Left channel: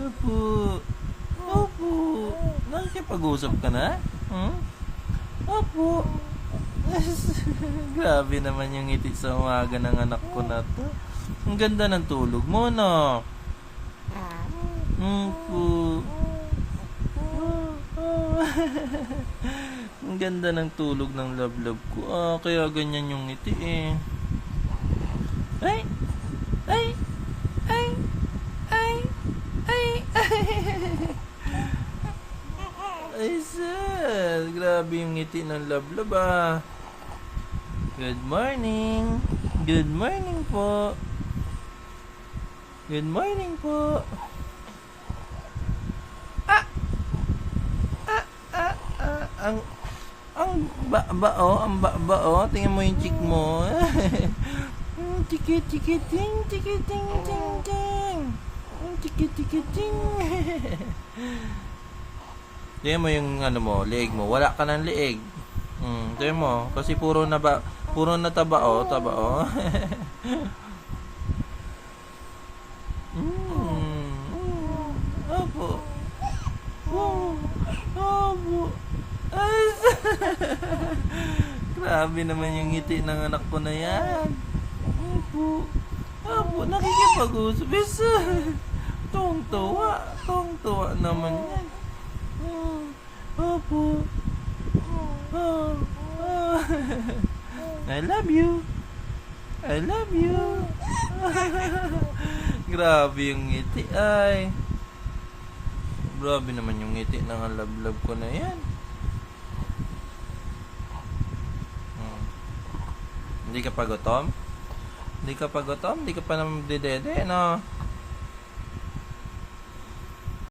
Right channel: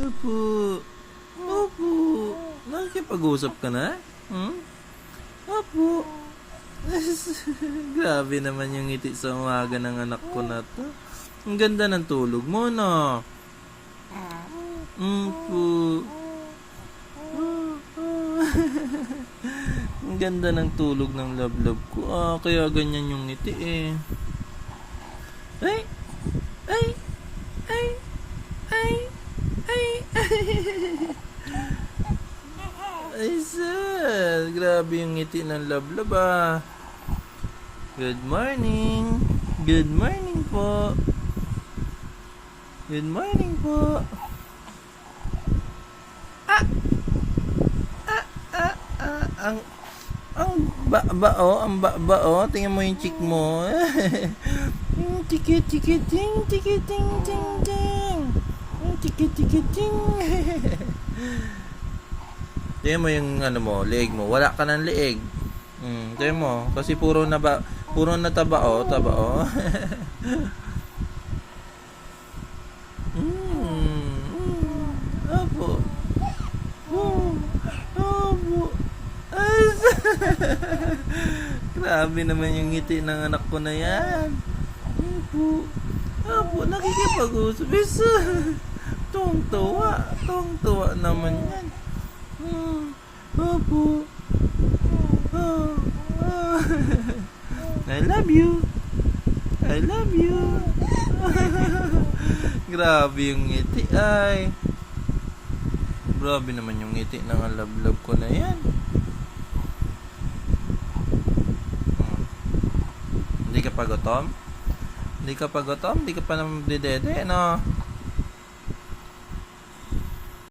Opo. Opo. Nakikipag-usap ka na? Opo. Grabe naman yung ngiti sa umaga ng anak ko na to. Ang ganda ng tulog mo, no? Opo. Ang ganda ng tulog ng love ko. Kaya ganyan yung ngiti eh. Ay! Ay! Ay! Ay! Ay! Ay, sir. Grabe yung ngiti ng love ah. Good morning. Good morning po. Good morning po. Ang bao, tingnan mo yung chick mo. Tiki tiki ting, tiki ting ting ting. Tiki tiki ting. Tingnan mo yung leeg mo. Wala ka ng leeg. Tingnan mo, kasi puro na tabao. Opo. Opo. Grabe naman yung ngiti ng anak ko na yan. Opo, nakikipag-usap. Tuwang-tuwa naman yan. Opo. I love you. Grabe yung ngiti ay. Grabe naman yung ngiti ng love ko na yan. Hindi ka pa gutom? Hindi ka pa naman didede, no?